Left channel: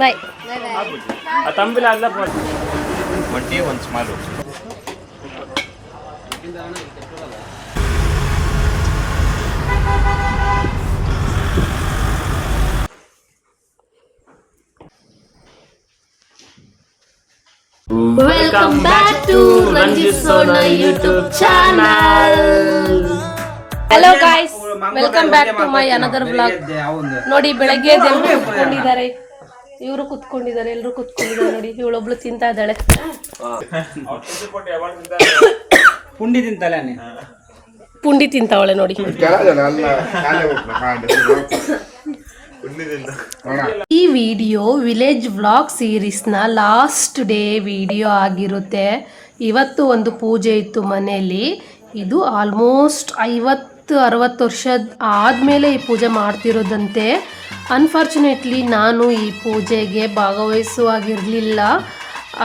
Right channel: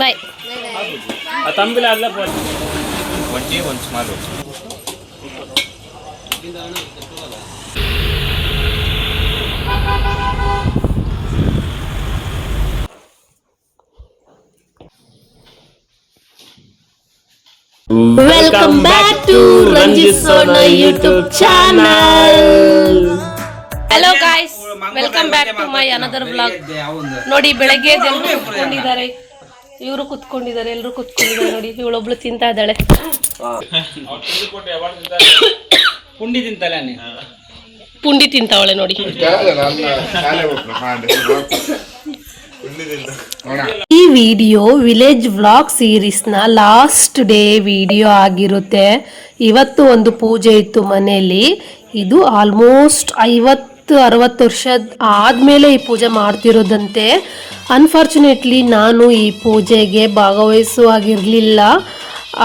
Bye. ತಂಬಿಲ ಅಲ್ಲ ಒಂಟಿ ಒಂದು small Welcome back to Ranjit Sona YouTube channel. Hello guys, welcome back to my another vlog. ನೋಡಿ ಬೆಳಗ್ಗೆ ಎಲ್ಲರೂ ಕುತ್ಕೊಂಡಿದ್ದಾರೆ, ಇವರು ಕುತ್ಕೊಂಡಿದ್ದಾರೆ, ಎಲ್ಲರೂ ಕುತ್ಕೊಂಡಿದ್ದಾರೆ ನೋಡಿ. ಇವಳೊಬ್ಳು ತಿಂತಾ ಇದ್ದಾಳೆ. ಪುಂಡಿ ತಿಂತಾವಳೆ ನೋಡಿ. ಈ ವಿಡಿಯೋ ವಿಲೇಜ್ ವ್ಲಾಗ್ ಸೀರೀಸ್ನ ಲಾಸ್ಟ್ ಡೇ ವಿಡಿಯೋ ಆಗಿರುತ್ತೆ. ಇವತ್ತು ಒಂದು ಪೂಜೆ ಇತ್ತು ಮನೆಯಲ್ಲಿ. ಇದು ಆಲ್ಮೋಸ್ಟ್ 50-60 ವರ್ಷ ಆದಮೇಲೆ ಈ ಪೂಜೆ ಮಾಡ್ತಿರೋದಂತೆ. ಅನ್ಫಾರ್ಚುನೇಟ್ಲಿ ನಾನು ಈ ಪೂಜೆಗೆ ಭಾಗವಹಿಸುವಾಗಿರಲಿಲ್ಲ,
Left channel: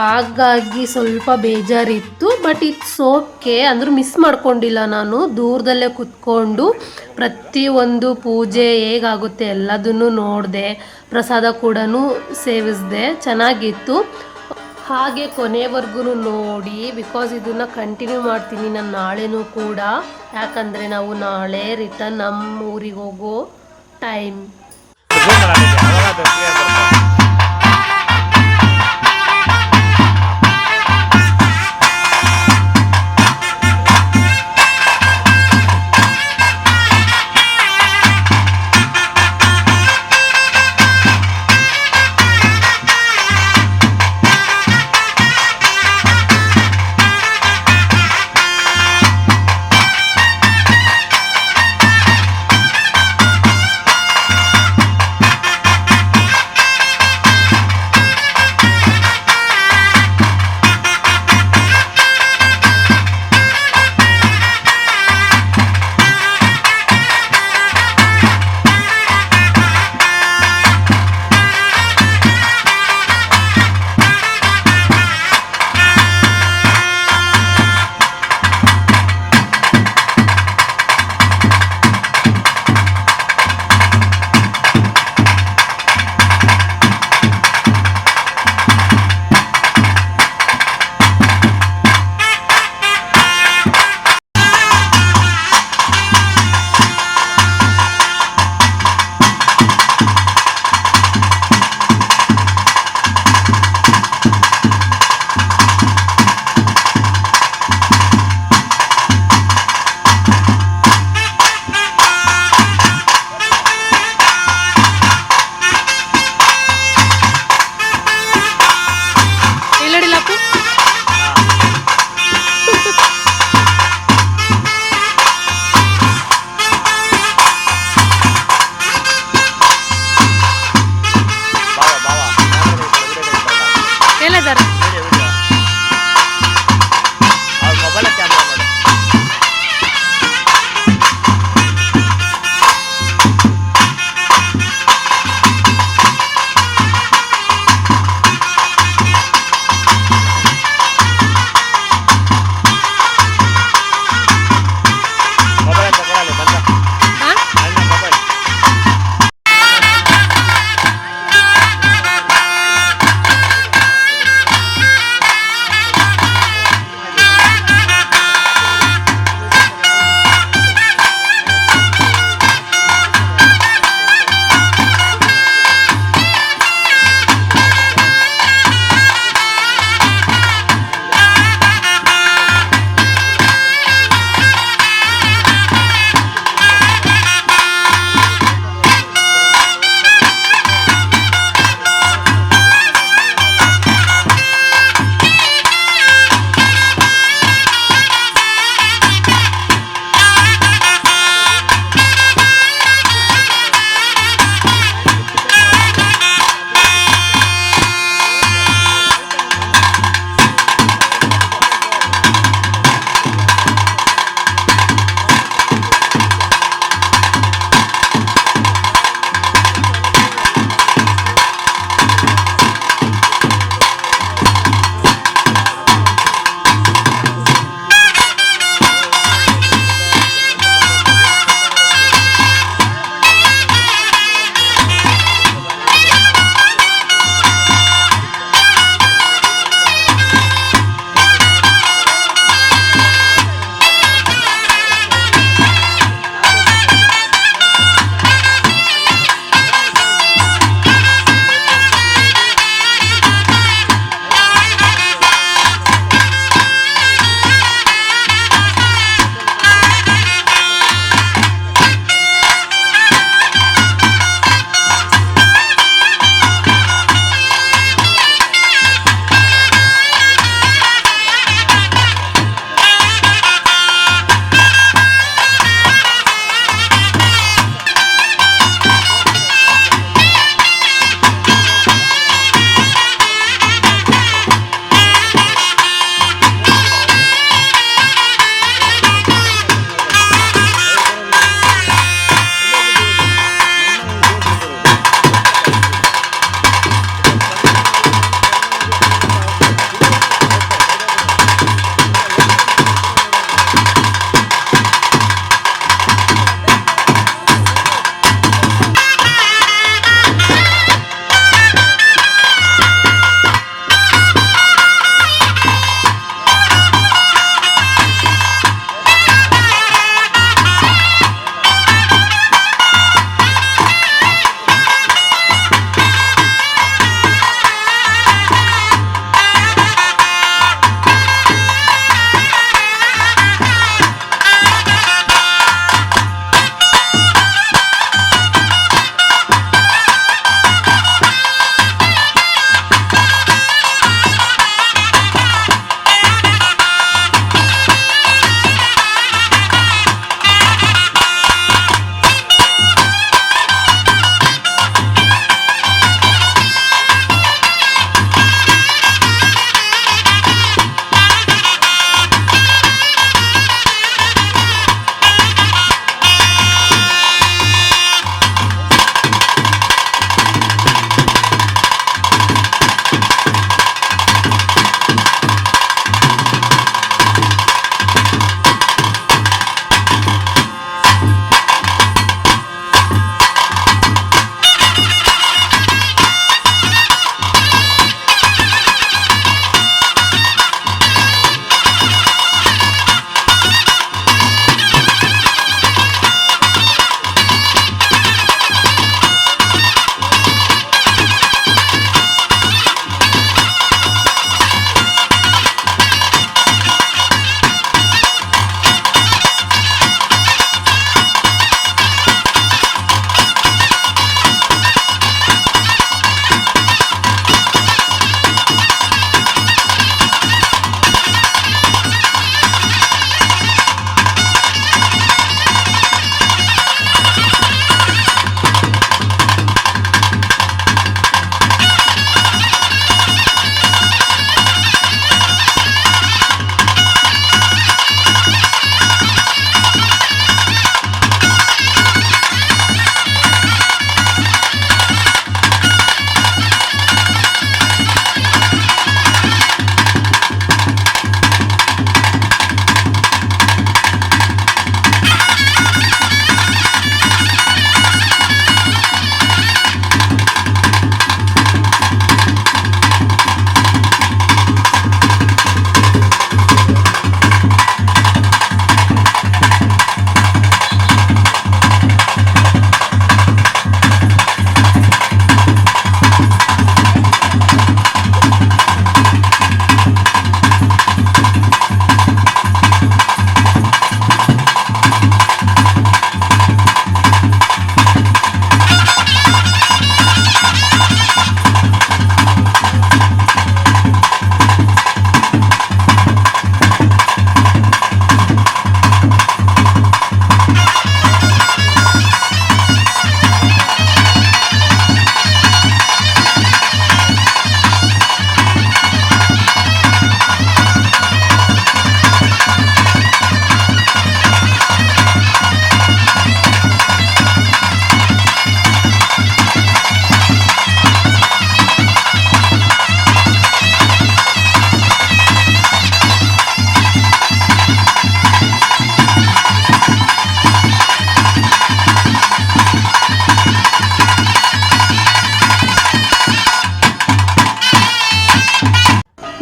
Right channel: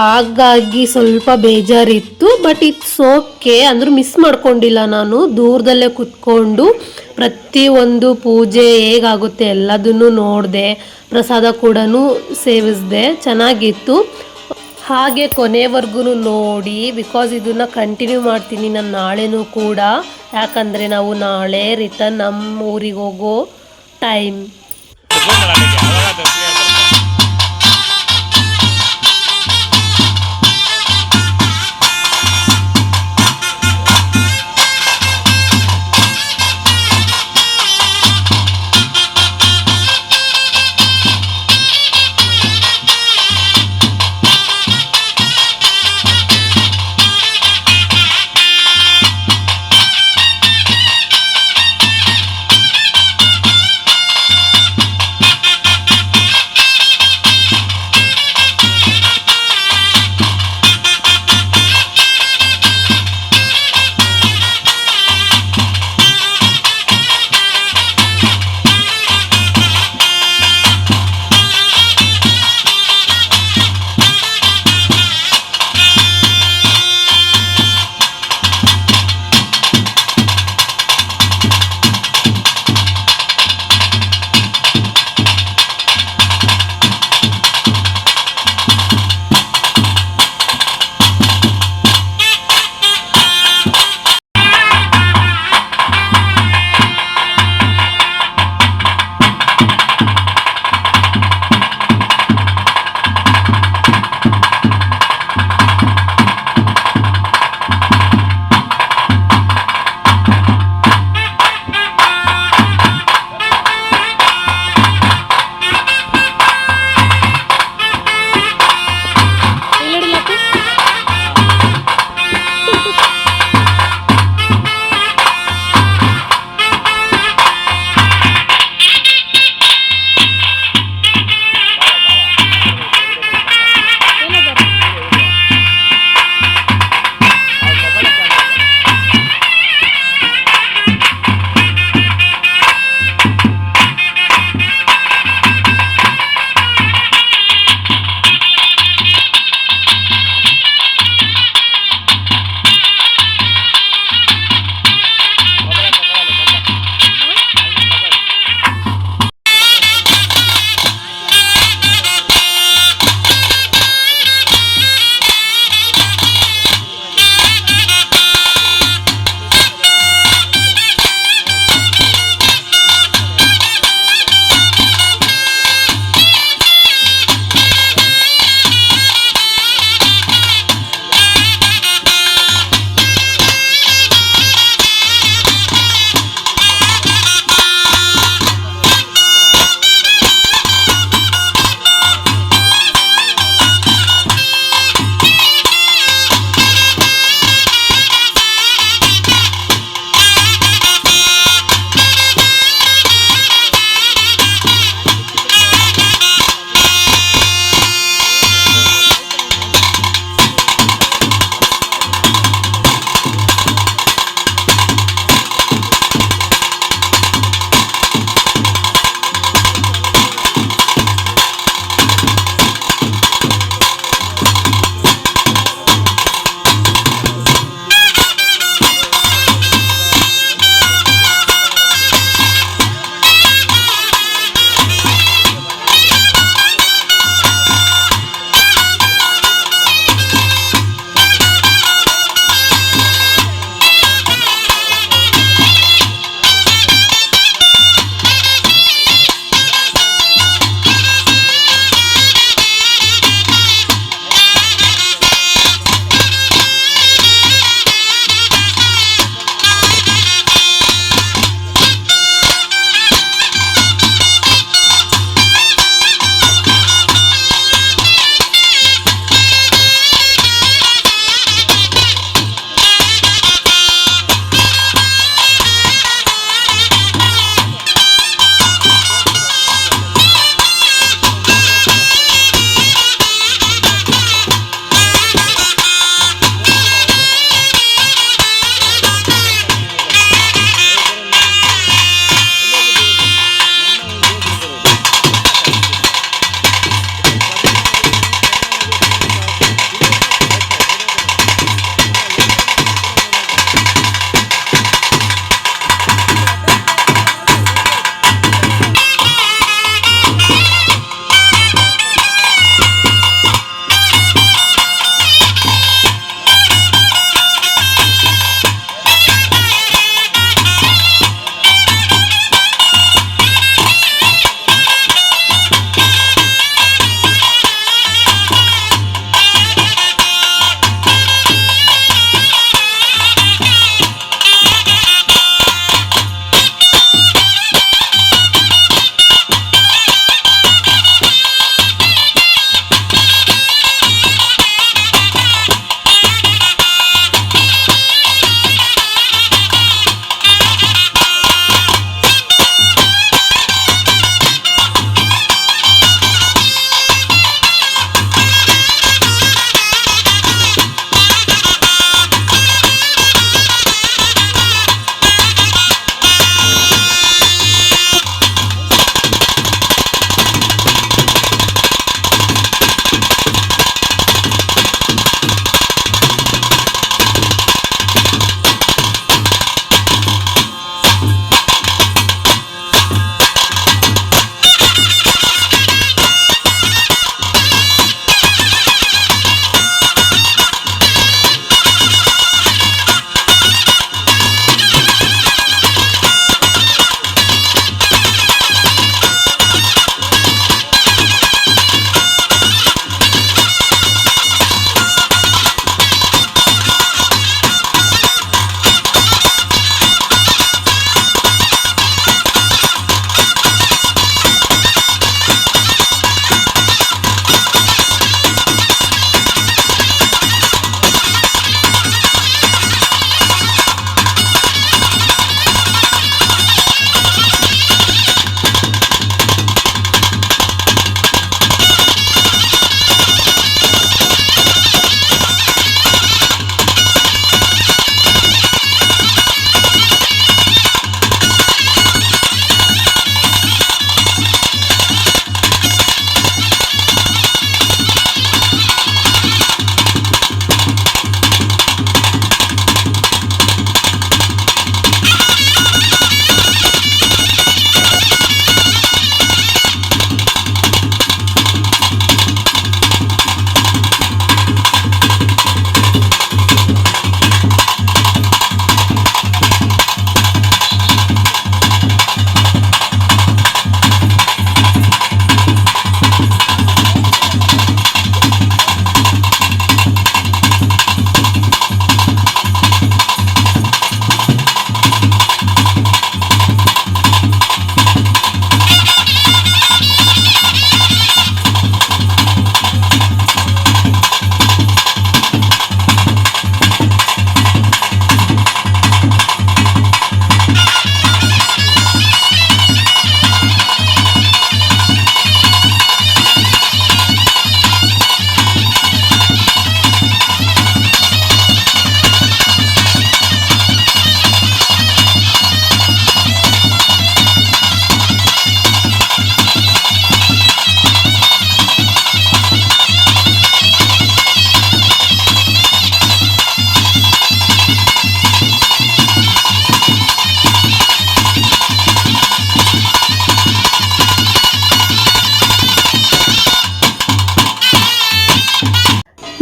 ಹಾಗಾಗಿ ಸ್ವಲ್ಪ ಬೇಜಾರಿತ್ತು. ಬಟ್ ಇಟ್ಸ್ ಓಕೆ, ಅಂದರೂ ಮಿಸ್ ಮಾಡ್ಕೊಂಡಿಲ್ಲ. ನಾನು ದೂರದಲ್ಲೇ ಕುತ್ಕೊಂಡು ಪ್ರತಿಯೊಂದು ಪೂಜೆ ಹೇಗಾಗುತ್ತೆ ಎಲ್ಲದನ್ನು ನೋಡಿದೆ, ಪ್ರಸಾದ ಕೂಡ ಸೇವಿಸಿದೆ, ಚೆನ್ನಾಗಿತ್ತು. ಹಾಗೆ ಕೊನೆವರೆಗೂ ನೋಡಿ, ಬಿಕಾಸ್ ಇದನ್ನು ಕಂಟಿನ್ಯೂ ಮಾಡ್ತೀನಿ ನಾನು ನಾಳೆನೂ ಕೂಡ. ಯಾಕಂದರೆ ನಾವು ನಾಳೆ ರಿಟರ್ನ್ ನಮ್ಮ ಊರಿಗೆ ಹೋಗೋ ಟೈಮ್.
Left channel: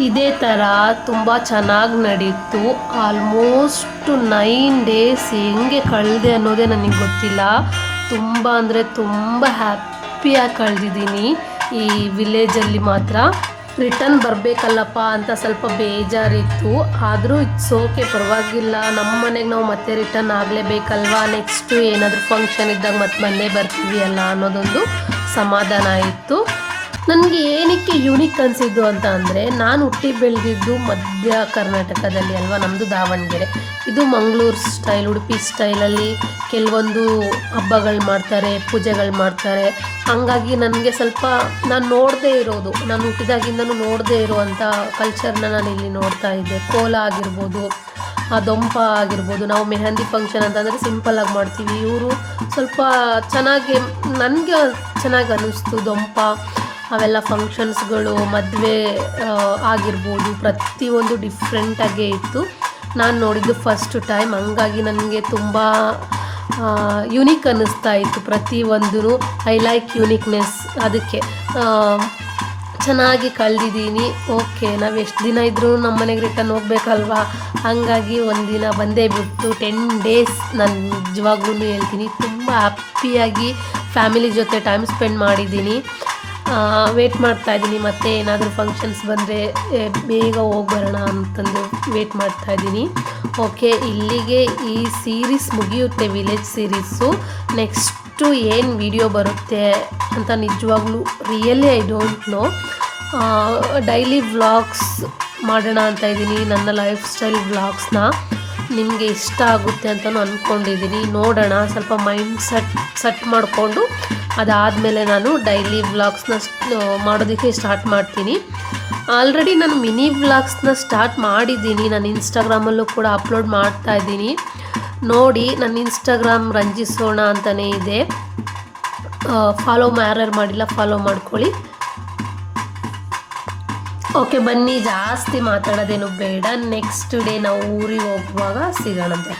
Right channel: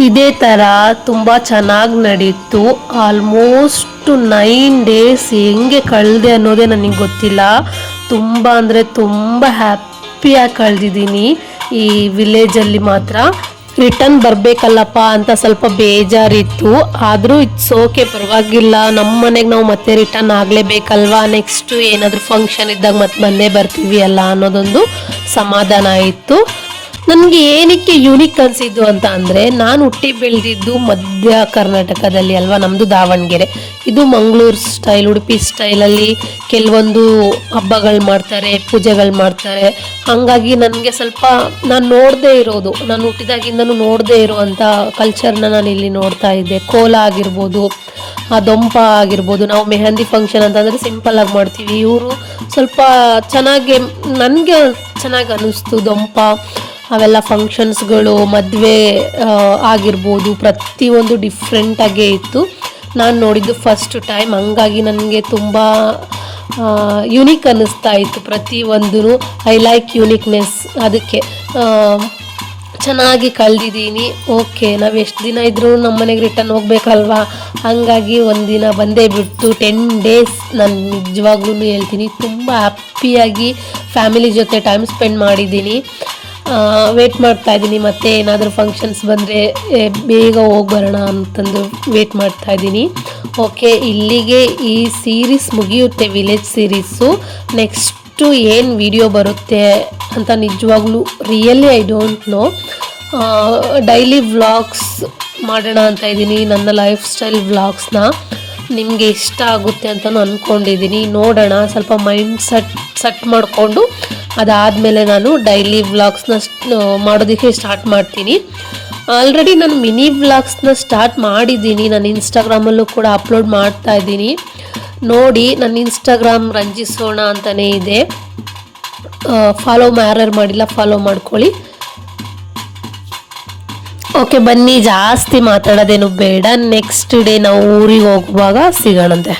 ಇದೇ ಥರ ತುಂಬ ಚೆನ್ನಾಗಿ ನಡೀತು. ಆಲ್ಮೋಸ್ಟ್ 9 ಡೇಸ್ ಹೆಂಗೆ ಕಳೆದೆ ಅನ್ನೋದೇ ನನಗೆ ಗೊತ್ತಿಲ್ಲ. ತುಂಬ ಅಂದರೆ ತುಂಬ ಹ್ಯಾಪಿಯಾಗಿ ಕಳೆದಿದ್ದೀನಿ ಈ ವಿಲೇಜಲ್ಲಿ ಮಾತ್ರ. ರಿಟರ್ನ್ ಬರಬೇಕಲ್ಲಪ್ಪ ಅಂತ ಸ್ವಲ್ಪ ಬೇಜಾರಿತ್ತು, ಆದರೂ ಇಟ್ಸ್ ಓಕೆ, ಪರವಾಗಿಲ್ಲ. ನಮ್ಮ ಮನೆಗೆ ನಾವು ಮತ್ತೆ ರಿಟರ್ನ್ ಆಗಲೇಬೇಕಲ್ವಾ, ನೆಕ್ಸ್ಟು ಏನಾದರೂ ಫಂಕ್ಷನ್ ಇದ್ದಾಗ ಮತ್ತೆ ಬಂದೇ ಬರ್ತೀವಿ ಅಲ್ಲ ಅನ್ನೋದೊಂದು ಸಮಾಧಾನ ಆಯಿತು. ನನಗೆ ಏನಕ್ಕೆ ಯೂನಿಕ್ ಅನಿಸಿದ್ದು ಅಂತ ಅಂದರೆ, ನಾನು ಹುಟ್ಟಿ ಬೆಳೆದಿದ್ದು ಮಧ್ಯ ಕರ್ನಾಟಕದಲ್ಲಿ ಅಲ್ವಾ, ನಮ್ಮದು ದಾವಣಗೆರೆ. ಇದು ಮಂಗಳೂರು ಸ್ಟೈಲ್, ಉಡುಪಿ ಸ್ಟೈಲಲ್ಲಿ ಕೆಲವೊಂದು ಹಬ್ಬಗಳು ಮಾಡ್ತಾರೆ, ಪೂಜೆಗಳು ಮಾಡ್ತಾರೆ. ಹಾಗಾಗಿ ನನಗೆ ಸ್ವಲ್ಪ ನಾನು ನೋಡದೇ ಇರೋದು, ನಾನು ಹುಟ್ಟಿದಾಗಿಂದನೂ ನೋಡದೇ ಇರೋವಂಥ ಕಲ್ಚರ್ನ ನಾನು ಇಲ್ಲಿ ನೋಡ್ತಾ ಇದ್ದೆ. ಕೋಲ ಆಗಿರ್ಬೋದು, ದೊಂಪ ಆಗಿರ್ಬೋದು. ನಾವು ಮೆಹಂದಿ ಫಂಕ್ಷನ್ ಅಂತಂದರೆ ಸಿಂಪಲ್ಲಾಗಿ ಮಾಡ್ತೀವಿ, ಇವರು ಸ್ವಲ್ಪ ಚೆನ್ನಾಗಿ, ನನಗೆ ಚೆನ್ನಾಗಿ ಅನ್ನಿಸ್ತು. ದೊಂಪ ಅವೆಲ್ಲ ಫಂಕ್ಷನ್ಸ್ಗಳು, ಮದುವೆ ಆಗಿರ್ಬೋದು, ಪ್ರತಿಯೊಂದು ಡಿಫ್ರೆಂಟಾಗೇ ಇತ್ತು. ನಾನು ನೋಡಿದ್ದು ಫಸ್ಟ್ ಟೈಮ್, ಹಂಗಾಗಿ ನನಗೆ ತುಂಬ ಯುನೀಕ್ ಅನ್ನಿಸ್ತಾ ಇತ್ತು ಪ್ರತಿಯೊಂದೂ. I like uniqueness. ಅದಕ್ಕೆ ಚೆನ್ನಾಗಿ ಕಳೆದಿದ್ದೀನಿ. ಓಕೆ, ನಾವು ಎಷ್ಟು ದಿನ ಇದ್ದರೂ ನಮ್ಮ ಮನೆಗೆ ರಿಟರ್ನ್ ಹೋಗ್ಬೇಕಲ್ವಾ, ಹಾಗಾಗಿ ಒಂದಿನ ಬಂದೇ ಬಿಟ್ಟು 10 ಡೇಸ್ ನಾನು ನಿಜವಾಗ್ಲೂ ಹೇಳ್ತೀನಿ ತುಂಬ ಹ್ಯಾಪಿಯಾಗಿ ಫ್ಯಾಮಿಲಿ ಜೊತೆ ಟೈಮ್ ಸ್ಪೆಂಡ್ ಮಾಡಿದ್ದೀನಿ. ವೇಟ್ ಮಾಡ್ತಾಯಿದ್ದೀನಿ, ಮತ್ತೆ ಏನಾದರೂ ಫಂಕ್ಷನ್ಸ್ ಬಂದರೆ ಬೇಗ ಹೋಗ್ಬರೋಣ ಅಂತಂದು ವೇಟ್ ಮಾಡ್ತಾಯಿದ್ದೀನಿ. ಓಕೆ, ಇಲ್ಲಿಗೆ ಈ ಸೀರೀಸ್ ಮುಗಿಯುತ್ತೆ, ವಿಲೇಜ್ ಸೀರೀಸು. ನೆಕ್ಸ್ಟು ಏನು ವಿಡಿಯೋ ಬರುತ್ತೆ ಅಂತ ನಿಜವಾಗ್ಲೂ really I don't no. Daily vlogs ಮಾಡೋಣ ಅಂತ ಇದ್ದೀನಿ, ನನ್ನ ಲೈಫ್ ಸ್ಟೈಲ್ ವ್ಲಾಗ್ಸ್ನ. ನಿಮಗೆ ಇಷ್ಟ ಆಗುತ್ತೆ ಅಂತಲೂ ಅಂದ್ಕೊಂಡಿದ್ದೀನಿ. ನೋಡೋಣ, ಸ್ವಲ್ಪ ಮೈಂಡ್ ಸೆಟ್ ಮಾಡಿಕೊಂಡು ಅದಾದಮೇಲೆ ನಾನು ಡೈಲಿ ವ್ಲಾಗ್ಸ್ನ ಮಾಡೋದಕ್ಕೆ ಸ್ಟಾರ್ಟ್ ಮಾಡ್ತೀನಿ. ಆಲ್ರೆಡಿ ನಾನು ಮಿನಿ ವ್ಲಾಗ್ಸ್ನ ಸ್ಟಾರ್ಟ್ ಮಾಡಿದ್ದೀನಿ, ನಾನು ಇನ್ಸ್ಟಾಗ್ರಾಮಲ್ಲೂ ಕೂಡ ಅಪ್ಲೋಡ್ ಮಾಡ್ತಾ ಇದ್ದೀನಿ. ನೋಡಿ, ನನ್ನ ಇನ್ಸ್ಟಾಗ್ರಾಮ್ ರಂಜಿಸೋಣ ಅಂತಲೇ ಇದೆ. ಫಾಲೋ ಯಾರ್ಯಾರು ಮಾಡಿಲ್ಲ ಫಾಲೋ ಮಾಡ್ಕೊಳ್ಳಿ. ಓಕೆ, ಬನ್ನಿ, ಜಾಸ್ತಿ ಮಾತಾಡೋದೇನು ಬೇಡ. ನೆಕ್ಸ್ಟ್ ಡೇ ನಾವು ಊರಿಗೆ ಹೋಗುವಾಗ ಸಿಗೋಣಂತೆ.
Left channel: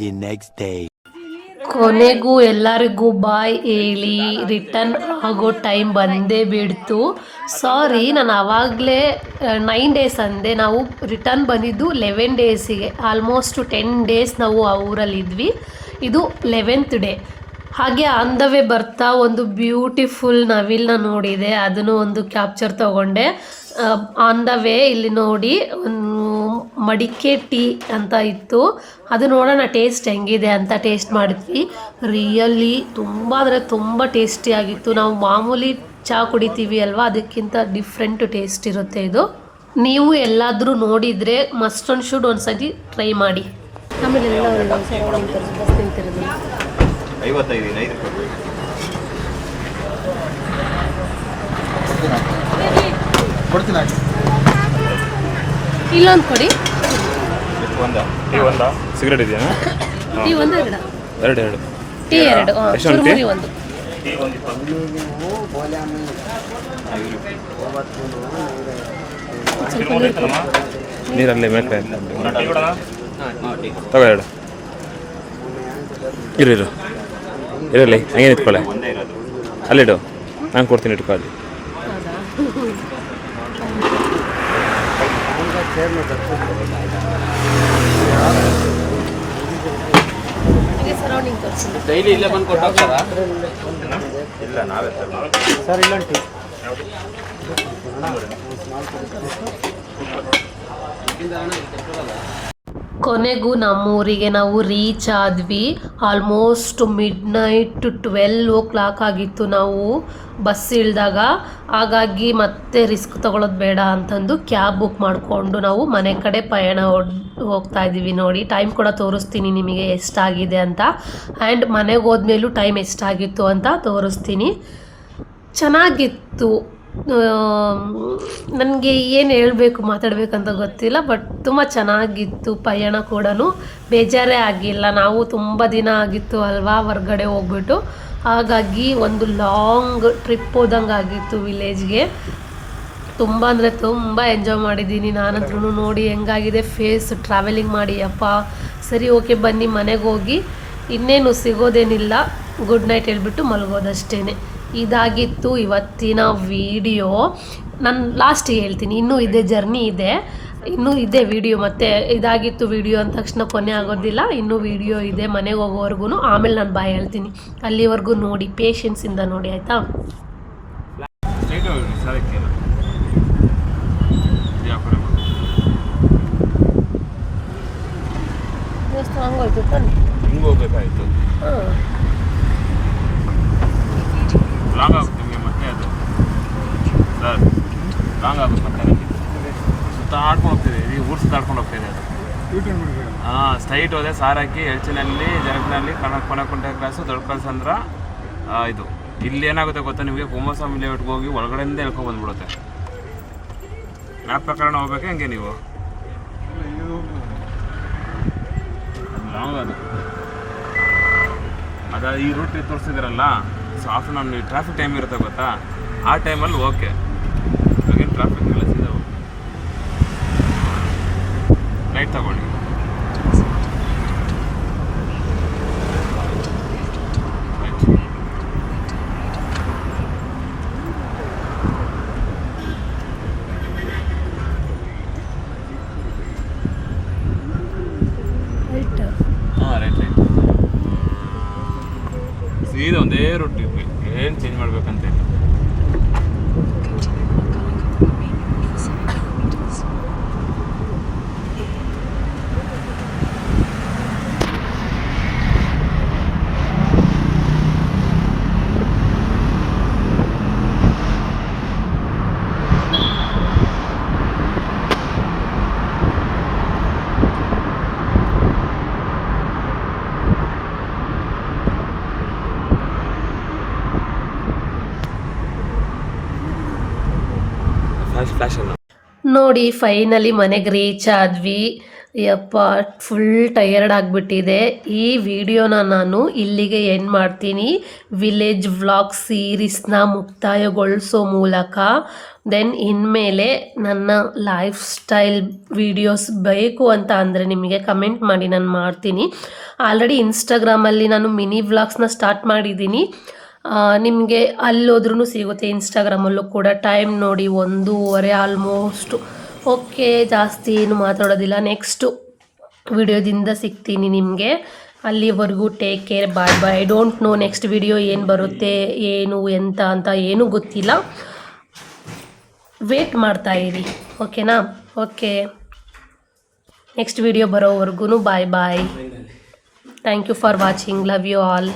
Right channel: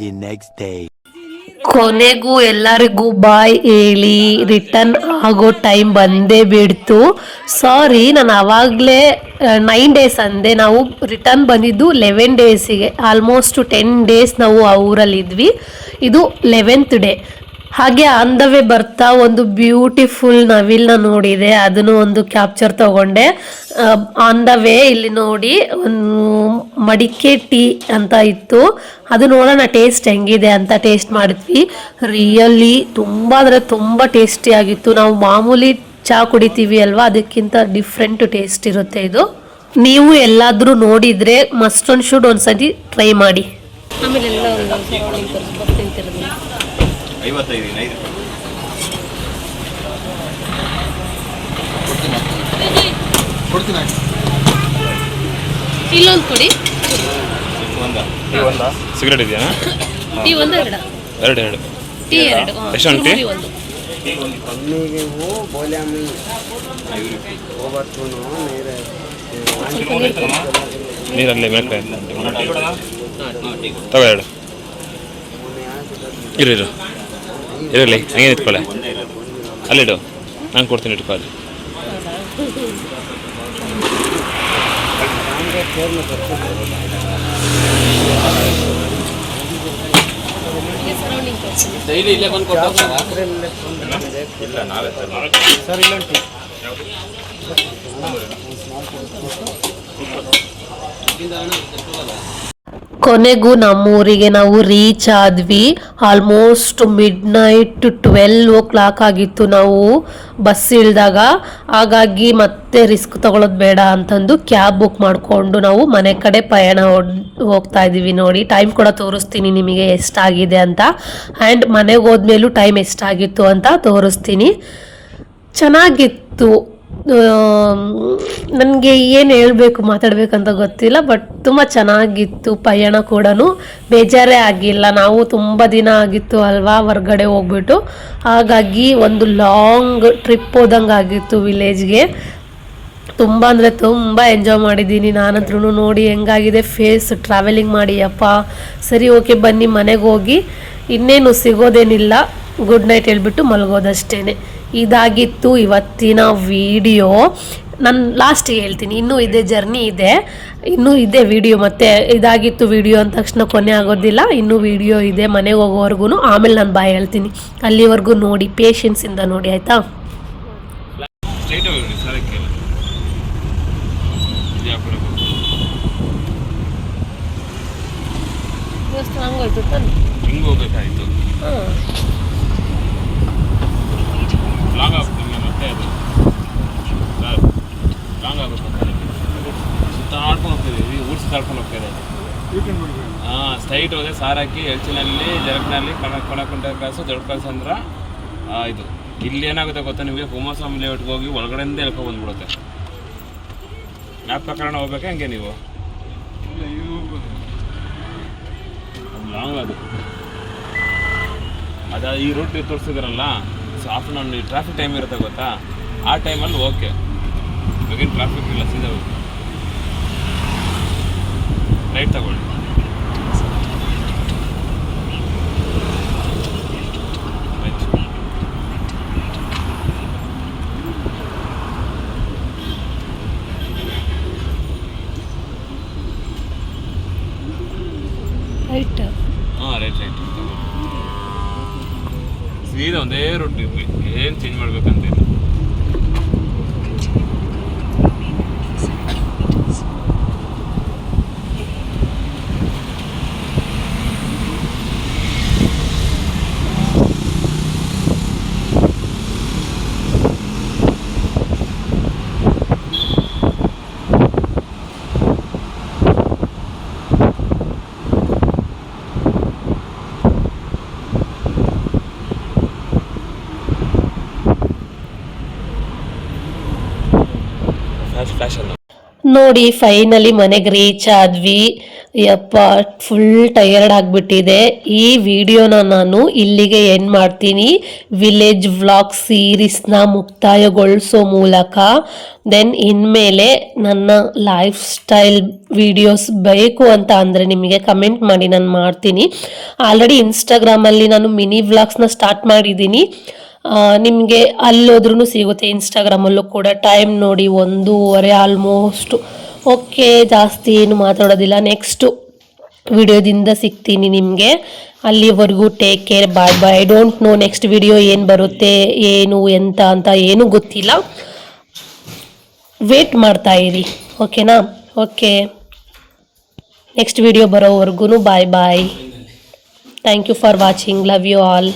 The next day. ಕೊನೆಗೂ ಎಲ್ಲರಿಗೂ ಬಾಯ್ ಹೇಳಿ ರಿಟರ್ನ್ ಆಗೋ ಟೈಮ್ ಬಂದೇ ಬಿಡ್ತು. ಸಾರಿ, ನಾನು ಆವಾಗಲೇ 9 ಡೇಸ್ ಅಂದೆ. ನಾವು ರಿಟರ್ನ್ ಬಂದಿದ್ದು 11 ಡೇಸಿಗೆ. ಆಲ್ಮೋಸ್ಟ್ 10 ಡೇಸ್ ನಾವು ಆ ಊರಲ್ಲಿದ್ವಿ. ಇದು 11th ಡೇ. ಹಾಗೆ ಆನ್ ದ ವೇ ಬರ್ತಾ ಒಂದು ಬ್ಯೂಟಿಫುಲ್ ನವಿಲ್ನ ನೋಡಿದೆ, ಅದನ್ನು ಒಂದು ಕ್ಯಾಪ್ಚರ್ ತಗೊಂಡೆ. ಆನ್ ದ ವೇ ಇಲ್ಲಿ ನೋಡಿ ಒಂದು ಮಡಿಕೆ ಟೀ ಅಂತ ಇತ್ತು, ಅದು ನೋಡೋಣ ಟೇಸ್ಟ್ ಹೆಂಗಿದೆ ಅಂತ ಟೇಸ್ಟ್ ಮಾಡಿದ್ವಿ. ರಿಯಲಿ ತುಂಬ ಅಂದರೆ ತುಂಬ ಟೇಸ್ಟಿಯಾಗಿತ್ತು. ನಾವು ಮಾಮೂಲಿ ಚಹಾ ಕುಡಿತೀವಿ ಅಲ್ವಾ, ಅದಕ್ಕಿಂತ ಡಿಫ್ರೆಂಟ್ ಟೇಸ್ಟ್ ಇರುತ್ತೆ ಇದು. ನೀವು ಎಲ್ಲಾದರೂ ನೋಡಿದರೆ ಮಸ್ಟ್ ಆ್ಯಂಡ್ ಶುಡ್ ಒಂದ್ಸತಿ ಟ್ರೈ ಮಾಡಿ. ಆಮೇಲೆ ಎಲ್ಲ ತಿಂತಿರೋದು 55 ಇಲ್ಲೊಂದು ಕೊಡಿ. ಒಂದ ಸಿಗರೇಟ್ ಇದೆಯಾ? ಟೀ ಒಂದು ಎರಡು ಟೀ ಎರಡು ಎಷ್ಟು ಟೀ? ಒಂದು ನೀರಲ್ಲಿ ಬೇಕಾ ತಗೋ ಎರಡು ಇರಲಿ ಹಂಗೆ ನಿಂತ್ಕೊಳ್ಳೆ, ಅಲ್ಲಿಡು, ನಾನು ಕೊಡ್ತೀನಿ ಇಟ್ಕೊಳ್ಳಿ. ಡೈಲಿ ಇಲ್ಲೇ ಬಂದು ಕೊಡ್ತಾರಾ ಸರ್? ಇಲ್ಲ ಕೊನೆಗೂ ನಮ್ಮೂರಿಗೆ ನಾವು ರೀಚ್ ಆದ್ವಿ. ಆಲ್ಮೋಸ್ಟ್ ಮಿಡ್-ನೈಟ್ 12 ಆಗಿತ್ತು ನಾವು ಬಸ್ ಇಳಿದಾಗ. ಹಾಗಾಗಿ ಮತ್ತೆ ರಿಸ್ಕ್ ತಗೊಳ್ಳೋದು ಬೇಡ ಅಂತಂದು ಕ್ಯಾಬ್ ಬುಕ್ ಮಾಡಿಕೊಂಡು ನಾವು ಮನೆ ಕಡೆ ಪಯಣ ಹೋಗ್ತಾ ಇದ್ದೀವಿ. ನೋಡಿ ಟೈಮ್ ಕೂಡ ತೋರಿಸ್ತೀನಿ ನಿಮಗೆ ಎಷ್ಟಾಗಿದೆ ಅಂತ, ಆ್ಯಂಡ್ ಮನೆಗೆ ಹೋದ್ಮೇಲೂ ಟೈಮ್ ಎಷ್ಟಾಗಿತ್ತು ಅಂತ ತೋರಿಸ್ತೀನಿ. ಚೆನ್ನಾಗಿತ್ತು. ನನಗೆ ಏನು ಹೇಳಬೇಕು ಮಾತಾಡಬೇಕಂತ ಗೊತ್ತಿಲ್ಲ, ಬಟ್ ತುಂಬ ಚೆನ್ನಾಗಿತ್ತು. ಪಯಣ ಕೂಡ ಬೇಜಾರೇ ಆಗಿಲ್ಲ. ನಾವು ತುಂಬ ದಿನ ಆಗಿತ್ತು ಅಲ್ವಾ ಹೊರ್ಗಡೆ ಹೋಗ್ಬಿಟ್ಟು, ಹಾಗಾಗಿ ಒಂದು ಲಾಂಗ್ ಟ್ರಿಪ್ ಹೋದಂಗೆ ಆಗಿತ್ತು ವಿಲೇಜ್ಗೆ. ತುಂಬ ಅಂದರೆ ತುಂಬ ಎಂಜಾಯ್ ಮಾಡಿದ್ದೀನಿ ನಾನಂದ್ರೂ. ನೋಡಿ ಹೆಂಗಾಗಿದೆ ಫೇಸ್ ಟ್ರಾವೆಲಿಂಗ್ ಮಾಡಿ. ಅಪ್ಪ ಸರಿ ಓಕೆ ಬನ್ನಿ ಮನೆಗೆ ಹೋಗಿ, ಇನ್ನೇನು ಸಿಗೋದೇನಿಲ್ಲ, ಗುಡ್ ನೈಟ್ ಹೇಳ್ಬಿಟ್ಟು ಮಲಗೋದಷ್ಟೇ. ಇದಾಗಿತ್ತು ಇವತ್ತಿನ ವಿಡಿಯೋ. ನಾನು ಲಾಸ್ಟಿಗೆ ಹೇಳ್ತೀನಿ, ಇನ್ನೂ ಇದೆ ಜರ್ನಿ ಇದೆ, ಇನ್ನೂ ಇದೆ ವಿಡಿಯೋ. ಮತ್ತು ಇದಾಗಿತ್ತು ವಿಡಿಯೋ ಅಂದ ತಕ್ಷಣ ಕೊನೆ ಆಗೋದಿಲ್ಲ, ಇನ್ನೂ ವಿಡಿಯೋ ಇದೆ ಮನೆಗೆ ಹೋಗೋವರೆಗೂ. ಆಮೇಲೆ ನಾನು ಬಾಯ್ ಹೇಳ್ತೀನಿ, ಅಲ್ಲಿವರೆಗೂ ನೋಡಿ, ಪೇಷನ್ಸಿಂದ ನೋಡಿ ಆಯಿತಾ. ಹಂಗೋಯ್ತು ತಾನೆ, ಹಿಂಗೆ ಹೋಗ್ಬೇಕಾಯ್ತು. ಲಾಂಗ್ ಆಗುತ್ತೆ ನಿಮಗೆ ಮತ್ತೆ, ಅದು ಸರ್ ಲಾಂಗ್ ಆಗುತ್ತೆ ಮತ್ತೆ. ಸುತ್ತಾಡ್ಕೊಂಡು ಹೋಗ್ತಿದೆ, ಊರು ಸುತ್ತಾಡ್ಕೊಂಡು ಹೋಗ್ತಾ ಇದೆ ಅದು. ಹಾಂ ಸ್ಟ್ರೈಟ್ ಹೋದೆ, ಸಾರಾಕಿ ಎಲ್ಚಿನಲ್ಲಿ ಜರಕ್ನಲ್ಲಿ ಕೊಣಕೊಂಡ ಕ್ಲಾಸು ದೊಡ್ಡ ಕ್ಲಾಸ್ ಅಂದ್ರೆ ಇದು. ಇಲ್ಲಿ ಏನಾಗುತ್ತೆ ಗೊತ್ತಾ ನಿಮಗೆ, ಕುಮಾರಸ್ವಾಮಿ ಲೇಔಟ್ಗೆ ಹೋಗಿ ಒಳಗಡೆಯಿಂದ ಹೇಳ್ಕೊಂಡು ಬಂದ್ಬಿಡುತ್ತೆ. ಮ್ಯಾಪ್ ಪ್ರಕರಣ ಹೋಗ್ಬೇಕಾ ಹಂಗೆ ನೀವು? ಲಾಂಗ್ ಅದು ಈ ರೂಟ್ ತೋರಿಸಿದಾರಲ್ಲ, so half an hour traffic time ಇರುತ್ತೆ ಗೊತ್ತಾ, ಆ ಟೈಮಲ್ಲಿ ಓಕೆ, ಇವಾಗೇನು ಟ್ರಾಫಿಕ್ ಇಲ್ಲ, ಸೀದಾ ರೈಟ್ ತಗೊಳ್ಳಿ. ರೈಟ್? ಹಾಂ ರೈಟ್ ಸೀದಾ ಒಂದೇ ರೂಟ್ ಇರಬೇಕು, ಏನು ಚೇಂಜ್ ಮಾಡ್ಬೇಕಂತ ಇಲ್ಲ. ನೋಡಿ ಫೈನಲಿ ಮನೆಗೆ ರೀಚ್ ಆದ್ವಿ. ಯಪ್ಪ ಫುಲ್ ಟಯರ್ಡ್ ಆಗಿಬಿಟ್ಟಿದೆ. ಈ ವಿಡಿಯೋನ ನಾನು ಇಲ್ಲಿಗೆ ಎಂಡ್ ಮಾಡ್ತೀನಿ. ವಿಲೇಜ್ ವ್ಲಾಗ್ ಸೀರೀಸ್ನ ಮುಕ್ತಾಯಗೊಳಿಸೋ ಮೂಲಕ ದೆನ್ ಇನ್ಮೇಲೆ ನನ್ನ ಲೈಫ್ ಸ್ಟೈಲ್ ವಿಡಿಯೋಸ್ ಬೇಕು ಅಂತ ಅಂದರೆ ನಿಮಗೆ ಕಮೆಂಟ್ ಮಾಡಿ, ನಾನು ಮಾಡ್ತೀನಿ. ಆಲ್ರೆಡಿ ಇನ್ಸ್ಟಾಗ್ರಾಮಲ್ಲಿ ನಾನು ಮಿನಿ ವ್ಲಾಗ್ಸ್ನ ಸ್ಟಾರ್ಟ್ ಮಾಡಿದ್ದೀನಿ, ನಿಮಗೆ ಅಲ್ಲೋದ್ರೂ ಸಿಗುತ್ತೆ. ಇನ್ಸ್ಟಾಗ್ರಾಮಲ್ಲೂ ಕೂಡ ಟೈಮ್ ನೋಡಿ 1:30 ಆಲ್ಮೋಸ್ಟ್. ಓಕೆ, ಜಾಸ್ತಿ ಏನು ಮಾತಾಡೋದಿಲ್ಲ. ನೆಕ್ಸ್ಟು ವಿಡಿಯೋದಿಂದ ಸಿಗ್ತೀನಿ ನಿಮಗೆ. ಅಲ್ಲಿವರೆಗೂ take care, bye bye. I don't know next video ಏನು ಬರುತ್ತೆ, ಏನು ಎಂತ ಅಂತ ಏನೂ ಗೊತ್ತಿಲ್ಲ. ವೇಟ್ ಮಾಡ್ತಾ ಇರಿ, ಓಕೆನಾ? ಓಕೆ, ನೆಕ್ಸ್ಟ್ ವಿಡಿಯೋ ಬರೋವರೆಗೂ bye bye. Thank you for watching. Love you all.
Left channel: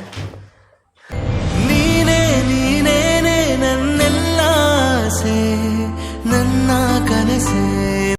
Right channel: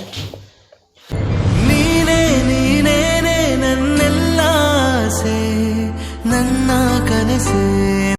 ನೀನೇನೇ ನನ್ನೆಲ್ಲ ಆಸೆ, ನನ್ನ ಕನಸೆ.